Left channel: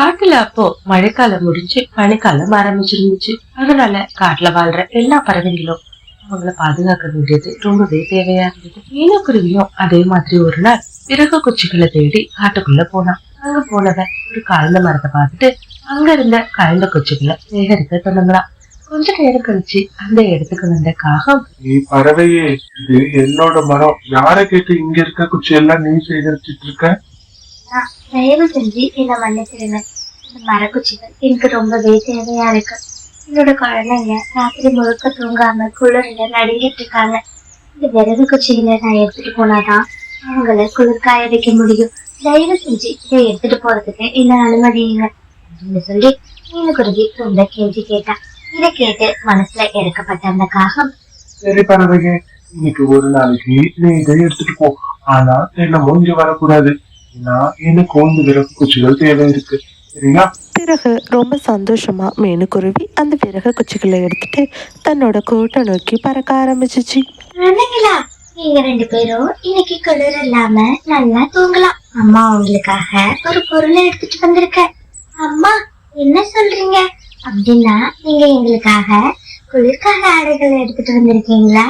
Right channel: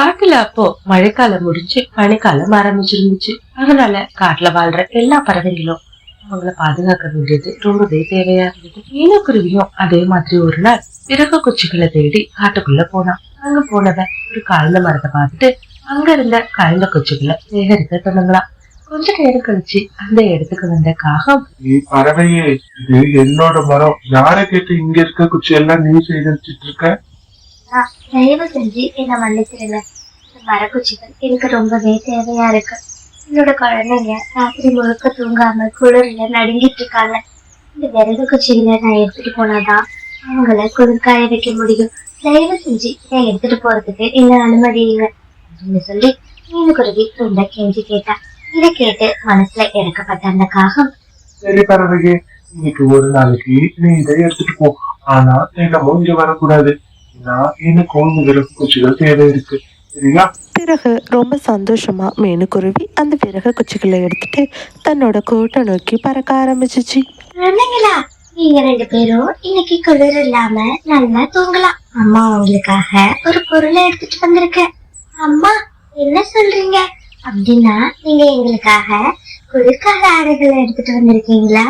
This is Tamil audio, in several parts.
காட்டுல அப்போ மழைக்காலம் முடிஞ்சு பனிக்காலம் ஆரம்பிச்சிருந்துச்சு. அதனால காட்டுல வாழ்ற எல்லா பறவைங்களும் அவங்கள பாதுகாக்க வேண்டியது ரொம்பவே தேவையா இருந்தது. மீனக்குருவியும் அதே மாதிரி ஒரு நாள் விறகு குச்சிகளை தேடி காட்டுக்குள்ள போனான். அங்க போனவன் ஒரு காய்ந்த மரத்தை பார்த்துட்டு அங்க இருந்த காய்ந்த குச்சிகளை சேகரிக்க தொடங்கலாம். கொஞ்ச நேரம் கழிச்சு அந்த இடத்துக்கு வந்த காகம், பறவையே, இது என்னோட மரம், யார கேட்டு இங்க இருக்க குச்சி எல்லாம் நீ சேகரிச்சிட்டு இருக்க? தயவு செஞ்சு என்ன மன்னிச்சிருங்க. இந்த மரக்குச்சிகள் எனக்கு ரொம்பவே தேவையா இருக்கு. என்னோட குழந்தைங்க ராத்திரி முழுக்க தூங்காம குளிர்ல நடுங்கிட்டு இருக்காங்க. இந்த விறகு குச்சிகளை நான் எடுத்துட்டு போனாதான் அவங்கள குளிர்காய வைக்க முடியும். தயவு செஞ்சு இதை எடுத்துட்டு போறதுக்கு என்ன அனுமதிங்க அப்படின்னு சொல்லி மீனுக்குருவி ரொம்ப கெஞ்சி கேட்டா. இதை கேட்டு மனசுல இறக்கப்பட்ட அந்த காகம், சரி பறவையே, இன்னைக்கு ஒரு நாளைக்கு நீ இதை எடுத்துட்டு போ. ஆனா என்னமோ இங்க வரக்கூடாது. எனக்கும் விறகு குச்சிகள் தேவை இருக்கு, சரியா? பிறகு ரொம்ப சந்தோஷமா மீனுக்குருவி அந்த விறகு குச்சிகளை எடுத்துட்டு தன்னோட கூட்டை நோக்கி பறக்க ஆரம்பிச்சிச்சு. குழந்தைங்களா, நீங்க 2 பேரும் இன்னைக்கு குளிர் இல்லாம நல்லா தூங்கலாம். அம்மா உங்களுக்காக ஒரு பொருளை எடுத்துட்டு வந்திருக்கேன். அம்மா, என்ன சொல்றீங்க? அப்படின்னா நீங்க எங்களுக்காக குளிர்கால ஆடைகளை எடுத்துட்டு வந்திருக்கீங்களா?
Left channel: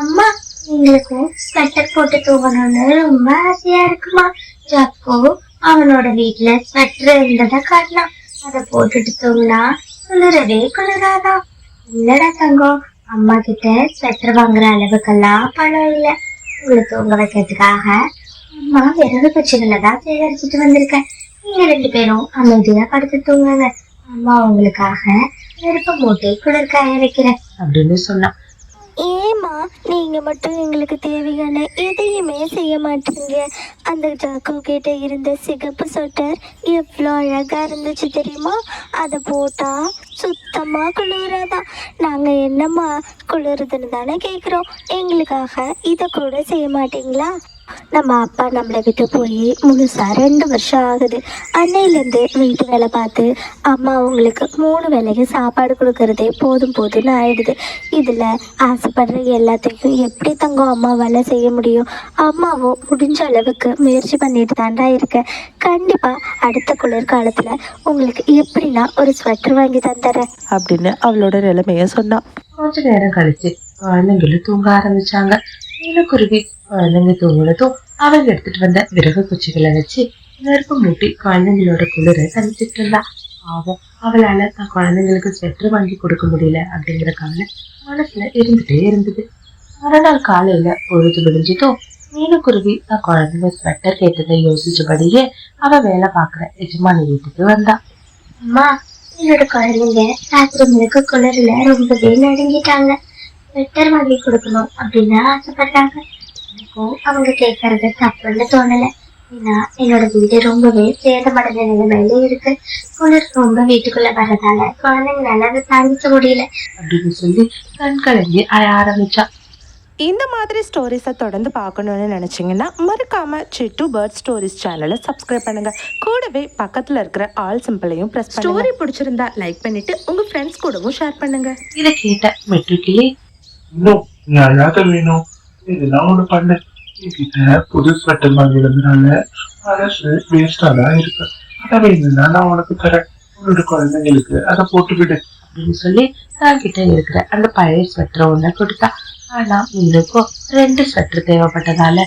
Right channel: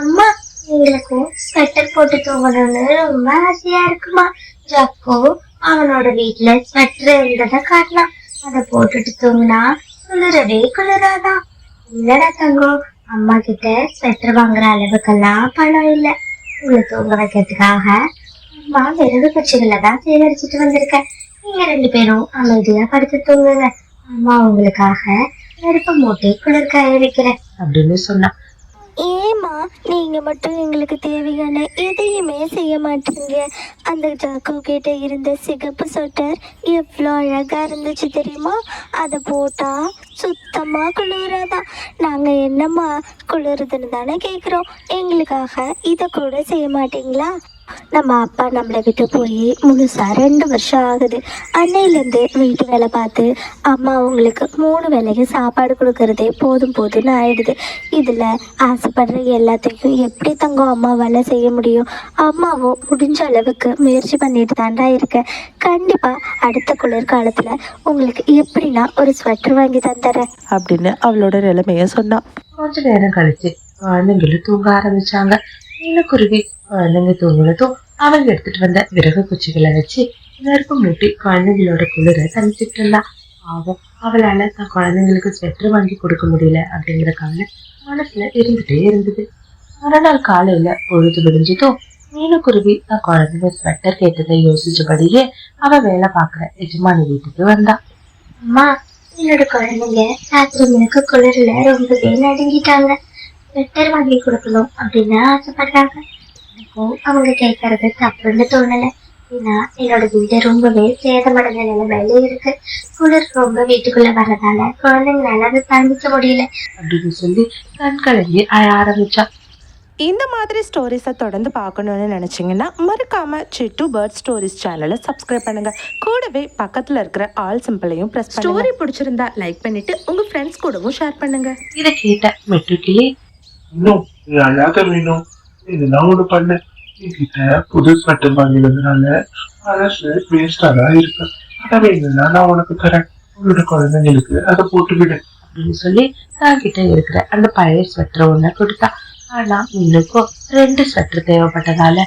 அம்மா, எங்களுக்கும் ஸ்வெட்டர் போட்டு தூங்கணும்னு ரொம்ப ஆசையா இருக்குமா? ஜப்போ அவனோட வீட்டுல ஸ்வெட்டர் இருந்ததை காட்டினான். அதை போட்டுட்டு தூங்கினா குளிரவே குளிராதான். இல்லடா தங்கம், அம்மா கிட்ட ஸ்வெட்டர் வாங்குற அளவுக்கெல்லாம் பணம் இல்ல. உங்களை தூங்க வைக்கிறதுக்காக அம்மா விறகு குச்சிகளை தான் சேகரிச்சுட்டு வந்திருக்கேன். நீங்க 2 பேரும் அமைதியா படுத்து தூங்குங்க. அம்மா உங்களுக்காக நெருப்ப மூட்டி குளிர்காய வைக்கிறேன் அப்படின்னு சொன்னான். ஏமா நீங்க மட்டும் எங்களுக்கு தேவையான எதையுமே செய்ய மாட்டீங்க? அந்த ஜாக்கு கிட்ட இருந்த சிகப்பு சொட்டர் எவ்வளோ அழகா இருந்துச்சு தெரியுமா? அதை போட்டா சுத்தமா குளிராதான். நாங்க என்னம்மா குளிருதுன்னு தானே கேட்குறோம். எங்களுக்காக இதை கூட செய்ய மாட்டீங்களா? நம்ம அப்பா நம்மளை விட்டு போய் முழுசா 2 வருஷம் ஆகுது. அன்னையிலேருந்து வீட்டு வேலை பார்த்து அம்மா அவங்களுக்கு 3 வேளைக்கு சாப்பாடு கொடுக்கறதே போதும் போதும்னு ஆயிடுது. இதில் ஆசைப்படுற எல்லாத்தையும் எப்படி தங்கம் அம்மாவால் செய்ய முடியும்? அம்மாவும் முடிஞ்ச அளவுக்கு முயற்சி பண்ணிட்டு தாண்டா இருக்கேன். கண்டிப்பாக அடுத்த குளிர்காலத்தில் உங்களுக்கு எப்படின்னா ஒரு ஸ்வெட்டர் வாங்கி தந்துடுறேன் அப்படின்னு அவளோட நிலைமைய சொன்னான். கொஞ்ச நேரம் கழிச்சு குழந்தைங்களும் தூங்க ஆரம்பிச்சாங்க. மீனுக்குருவி குழந்தைங்க தூங்குனதும் அவங்க எடுத்துட்டு வந்த விறகு குச்சிகளை வச்சு நெருப்பு மூட்டி குழந்தைங்களோட குளிரை தணிச்சிட்டு இருந்தா. ஆகும், அவளால தன் குழந்தைங்களுக்கு ஸ்வெட்டர் வாங்கி கொடுக்க முடியல அப்படிங்கிற கவலை மனசுல இருந்துட்டே இருந்தது. மறுநாள் காலையில பொழுது விடிஞ்சதும் மீனுக்குருவி தன் குழந்தைங்க ஸ்வெட்டர் கேட்டதை யோசிச்சபடியே அவ வேலை பாக்குற எஜமானி வீட்டுக்கு வந்தா. அம்மா, என்னோட குழந்தைங்க ராத்திரி முழுக்க குளிர்ல ரொம்பவே நடுங்கிட்டாங்க. ஸ்வெட்டர் வாங்கி கொடுக்கணும் அப்படின்னு ஆசைப்படுறாங்க. எனக்கும் அவங்க கேட்கறது தப்புன்னு தோணல. ஏன்னா என்னோட வீடு ரொம்பவே சேதமடைந்த நிலைமையில இருக்கு. குளிர் ரொம்ப வீட்டுக்குள்ள வர்றதால குழந்தைங்களால அதை தாங்கிக்க முடியல அப்படின்னு சொல்லி கண் கலங்கி அழ ஆரம்பிச்சா. இந்த மாதிரி ஸ்டோரிஸை தொடர்ந்து பார்க்கணுன்னு நினச்சிங்கன்னா மறக்காமல் சிட்டு பேர்ட் ஸ்டோரிஸ் சேனலை சப்ஸ்கிரைப் பண்ணுங்கள். கூடவே பக்கத்தில் இருக்கிற ஆல் சிம்பிளையும் ப்ரெஸ் பண்ணுங்க. ஸ்டோரி பிடிச்சிருந்தா லைக் பண்ணிவிட்டு உங்கள் ஃப்ரெண்ட்ஸ் கூடவும் ஷேர் பண்ணுங்கள். இதை கேட்ட மெட்ரிக்கிளி, இன்னும் நீ அழாத மீனும், இதெல்லாம் ஒண்ணு பண்ணு. என்கிட்ட புது ஸ்வெட்டர் வாங்கி வந்தனால மனசு வேஸ்டா தான் இருக்கு. அதை வேணும்னா நான் உனக்கு தரேன். உன்னோட குழந்தைங்களுக்கு அதை போட்டு விடு அப்படின்னு சொல்லி தான் கிட்ட இருக்கிற அந்த பழைய ஸ்வெட்டர் ஒண்ணு கொடுத்தா. ஆனா மீனுக்கும் 2 ஸ்வெட்டர் தேவைப்பட்டதால,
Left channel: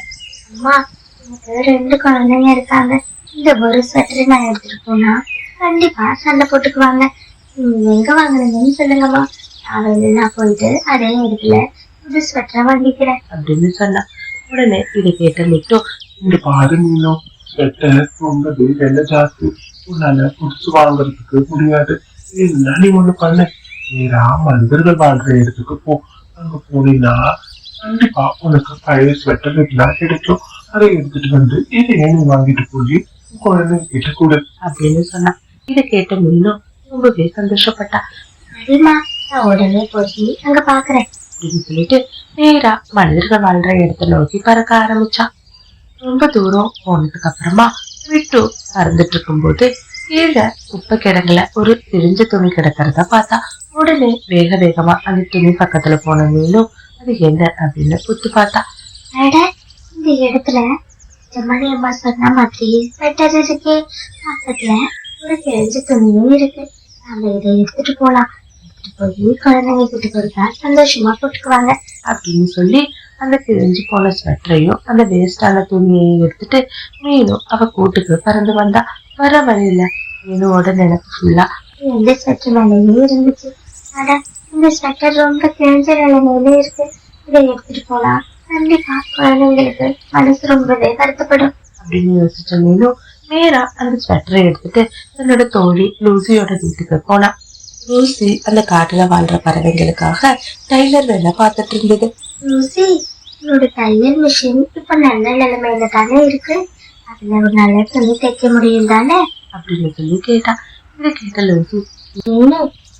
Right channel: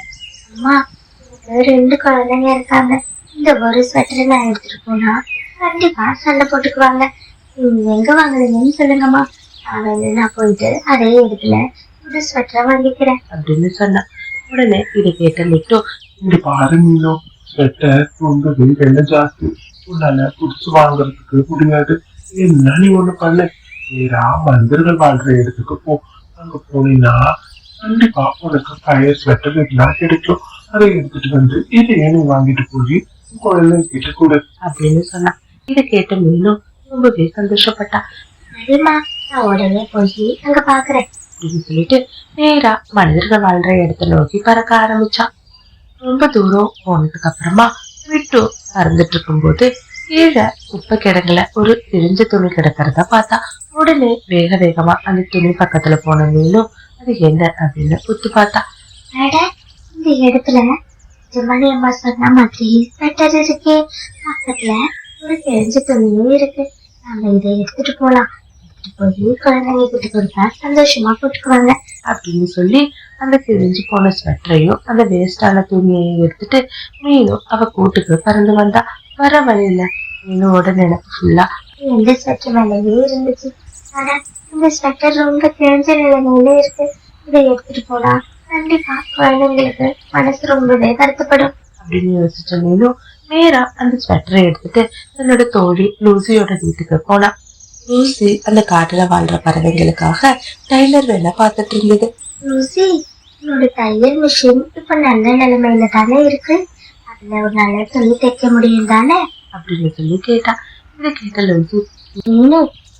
அம்மா, எனக்கு 2 குழந்தைங்க இருக்காங்க. இந்த ஒரு ஸ்வெட்டரை நான் எடுத்துட்டு போனா கண்டிப்பா சண்டை போட்டுக்குவாங்க. நீங்க எங்க வாங்குறீங்கன்னு சொல்லுங்கம்மா. நான் போயிட்டு அதே இடத்துல ஒரு ஸ்வெட்டரை வாங்கிக்கிறேன் அப்படின்னு சொன்னா. உடனே இதை கேட்ட மிட்டு, இங்க பாரு மீனும், ஸ்வெட்டர் ரொம்பவே விலை ஜாஸ்தி. உன்னால புடிச்சு வாங்குறதுக்கு முடியாது. என்ன நீ ஒண்ணு பண்ணு, நேரா மனிதர்கள் வாழ்ற இடத்துக்கு போ. அங்க போனீங்கன்னா கண்டிப்பா உனக்கு பழைய ஸ்வெட்டர் எல்லாம் கிடைக்கும். அதை எடுத்துட்டு வந்து இதையே நீ வாங்கிட்டு போய் குழந்தை கிட்ட கொடு அப்படின்னு சொன்னா. இதை கேட்ட மீனும் ரொம்பவே சந்தோஷப்பட்டா. சரிம்மா, நான் உடனே போய் அங்க பாக்குறேன் அப்படின்னு சொல்லிட்டு நேரா மனிதர்கள் வாழ்ற இடத்த நோக்கி பறக்க ஆரம்பிச்சா. ரொம்ப தூரம் போனதுக்கு அப்புறமா விட்டு பறந்துட்டு இருக்கும்போது கீழே குப்பை கிடங்குல ஒரு பிரிஞ்ச துணி கிடக்கிறத பார்த்தா. உடனே வேக வேகமா அந்த துணி பக்கத்துல போன மீனும் அது என்ன அப்படின்னு உத்து பார்த்தா. இந்த இடத்துல ஜமானி அம்மா சொன்ன மாதிரி ஸ்வெட்டர் இருக்கே. பக்கத்துல ஒரு கிழிஞ்ச துணியும் இருக்கு. நம்ம இதை எடுத்துட்டு போலாம். எடுத்துட்டு போய் குழந்தைங்க கிட்ட கொடுத்தா சந்தோஷமா போட்டுக்குவாங்க அப்படின்னு சொல்லி அந்த கிழிஞ்சு போன ஸ்வெட்டரையும் அந்த வேஸ்டான துணியையும் எடுத்துட்டு மீனும் அவ கூட்டுக்கு பறந்து வந்தா. வர வழியில மீனோட நினைப்பு ஃபுல்லா இந்த ஸ்வெட்டர் வேலையிலே இருந்துச்சு. ஆனா இந்த ஸ்வெட்டர் ரொம்ப கிழிஞ்ச நிலைமையில இருக்கு. இதை எடுத்துட்டு போனா கண்டிப்பா குழந்தைங்களுக்கு மனசு ரொம்பவே வருத்தப்படும் அப்படின்னு யோசிச்ச மீனும் நேரா அந்த ஸ்வெட்டரை எடுத்துட்டு தன்னோட தோழி லூசியோட வீட்டுக்கு போனா. லூசி அந்த காட்டுல வாழ்ற பறவைங்களுக்காக டைலர் வேலை பார்த்துட்டு இருந்தது. லூசி, உன்னோட தையல் மிஷின் இப்ப நல்ல நிலைமையில தானே இருக்கு. அதுல ஒரு நல்ல துணி தைக்க முடியும் தானே அப்படின்னு சொல்லி கேட்டா. இதை கேட்ட லூசி, நீனு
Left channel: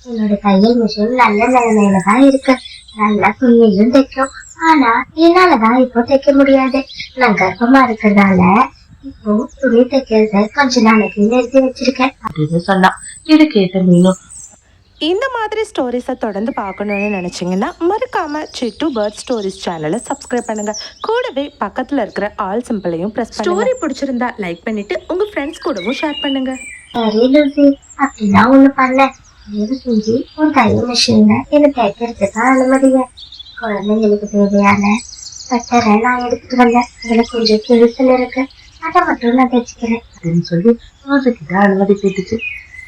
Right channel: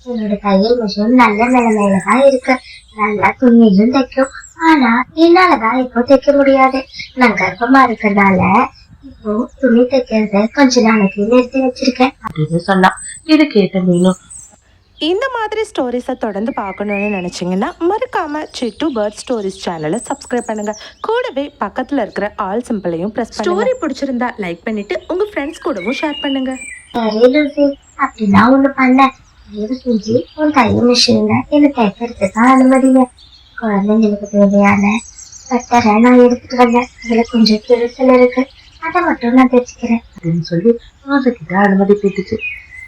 என்னோட தையல் மிஷின் நல்ல நிலைமையில தான் இருக்கு. நல்லா துணியையும் தைக்கும். ஆனா என்னாலதான் இப்போ தைக்க முடியாது. நான் கர்ப்பமா இருக்கிறதால இப்போ துணி தைக்கிறத கொஞ்ச நாளைக்கு நிறுத்தி வச்சிருக்கேன் அப்படின்னு சொன்னா. இது கேட்ட மீனும், இந்த மாதிரி ஸ்டோரிஸை தொடர்ந்து பார்க்கணுன்னு நினச்சிங்கன்னா மறக்காமல் சிட்டு பேர்ட் ஸ்டோரிஸ் சேனலை சப்ஸ்கிரைப் பண்ணுங்கள். கூடவே பக்கத்தில் இருக்கிற ஆல் சிம்பிளையும் ப்ரெஸ் ஸ்டோரி பிடிச்சிருந்தா லைக் பண்ணிவிட்டு உங்கள் ஃப்ரெண்ட்ஸ் கூடவும் ஷேர் பண்ணுங்கள். சரி லூசி, அப்படின்னா ஒண்ணு பண்ண. தயவு செஞ்சு உன் தையல் மிஷின்ல என்ன தைக்கிறதுக்கு அனுமதிங்க. குழந்தைங்களுக்கு தேவையான ஸ்வெட்டரை நான் எடுத்துட்டு வந்தேன். அதுல கொஞ்சம் கிழிச்சல் இருக்கு. அதை மட்டும் நான் தைச்சுக்கிறேன் அப்படின்னு சொல்லி லூசி கிட்ட அனுமதி கேட்டுச்சு.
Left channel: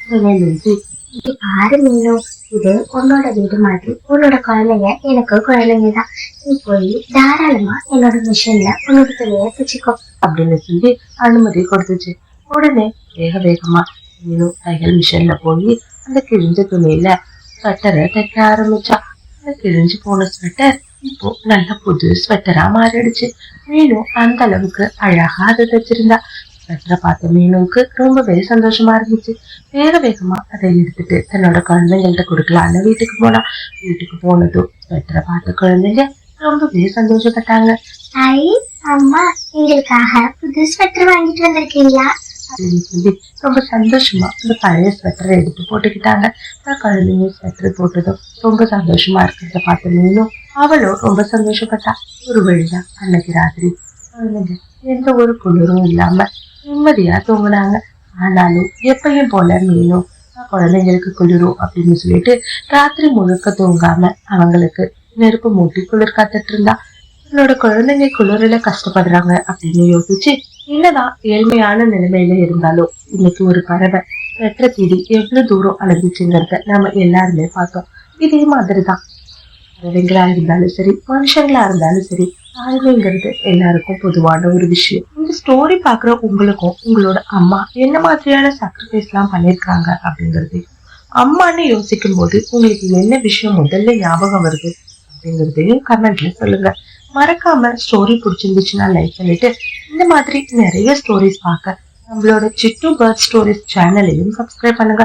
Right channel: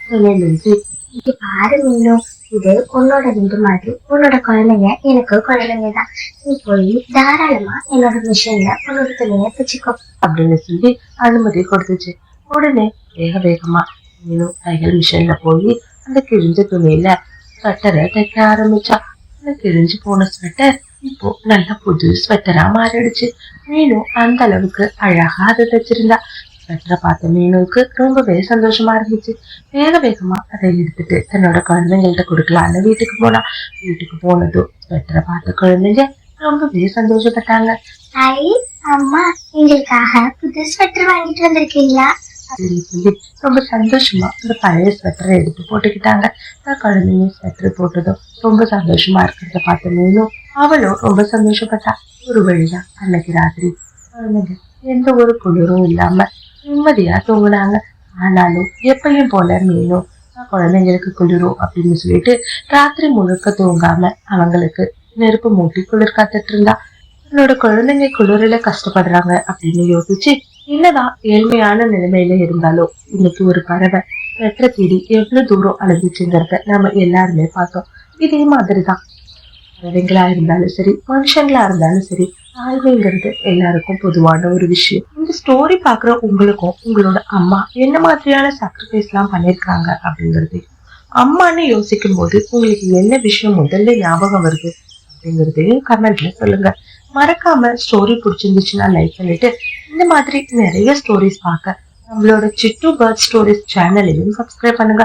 உடனே லூசி, இது பாரு மீனும், இது உன்னோட வீடு மாதிரி. உன்னோட குழந்தைங்க எனக்கு குழந்தைங்க தான். நீ போய் தாராளமா என்னோட மிஷின்ல உன்னோட துணியை தைச்சுக்கோ அப்படின்னு சொல்லி அனுமதி கொடுத்துச்சு. உடனே வேகமா மீனும் தையல் மிஷின்ல போய் அந்த கிழிஞ்ச துணியில ஸ்வெட்டரை தைக்க ஆரம்பிச்சா. அந்த கிழிஞ்சு போன ஸ்வெட்டர் இப்போ நல்ல புது ஸ்வெட்டரா மாறிடுச்சு. மீனும் அந்த அளவுக்கு அழகா அதை தைச்சிருந்தா. ஸ்வெட்டரை பார்த்த மீனுக்கு ரொம்பவே சந்தோஷமா இருந்துச்சு. வேகமா அதை எடுத்துட்டு தன்னோட குழந்தைங்கள்ட்ட கொடுக்கலான்னு வீட்டுக்கு போனா. வீட்டுக்கு போனதும் ஸ்வெட்டரை பார்த்த குழந்தைங்க ரொம்பவே சந்தோஷப்பட்டாங்க. ஐ அம்மா, எங்களுக்காக புது ஸ்வெட்டர் வாங்கிட்டு வந்திருக்கீங்களா அப்படின்னு சொல்லி ரொம்ப சந்தோஷமா அந்த பழைய ஸ்வெட்டரை எடுத்து போட்டுக்கிட்டாங்க. குழந்தைங்க ஸ்வெட்டர் போட்டதும் ரொம்ப சந்தோஷமா இருக்கிறத பார்த்த மீனும் அவளும் ரொம்ப சந்தோஷப்பட்டா. ஒரு வழியா அன்னைக்கு ராத்திரி குழந்தைங்க எந்த ஒரு குளிரும் இல்லாம நிம்மதியா தூங்குனாங்க. ஆனாலும் எப்பயும் போல மீனும் குழந்தைங்களுக்கு குளிரும் அப்படின்னு சொல்லிட்டு ராத்திரி முழுக்க தூங்காம அவங்களுக்கு நெருப்பு மூட்டி குளிர் காத்துட்டு இருந்தா. தன்னோட குழந்தைங்க குளிரில கஷ்டப்படுறாங்க அப்படின்னு யோசிச்சு, என்னதான் ஏழ்மையான நிலைமையில இருந்தாலும் இன்னைக்கு ஒரு பறவை வெற்ற தேடி எவ்வளவு தூரம் அலைஞ்சிச்சுங்கிறத நாம எல்லாருமே பார்த்தோம். இதே மாதிரிதான் பறவைங்களா இருந்தாலும் சரி, மனுஷங்களா இருந்தாலும் சரி, தாழ்மைங்கிறது எல்லாருக்கும் பொதுவான ஒரு விஷயம். இந்த ஸ்டோரி பாக்குற உங்களுக்கும் உங்களோட அம்மா என்ன மாதிரியான சாக்ரிஃபைஸ் எல்லாம் பண்ணிருக்காங்க அப்படிங்கறதையும், அம்மான்னு யோசிக்கும் போது உங்களுக்கு என்ன விஷயம் முதல்ல ஞாபகம் வருது அப்படிங்கறதையும் கமெண்ட்ல சொல்லுங்க. மறக்காம ஸ்டோரி பிடிச்சிருந்துச்சுன்னா லைக் பண்ணிட்டு இந்த மாதிரி நிறைய ஸ்டோரிஸ் பார்க்க நம்மளோட சிட்டு பேர்ட் ஸ்டோரிஸ் சேனலையும் சப்ஸ்கிரைப் பண்ணுங்க.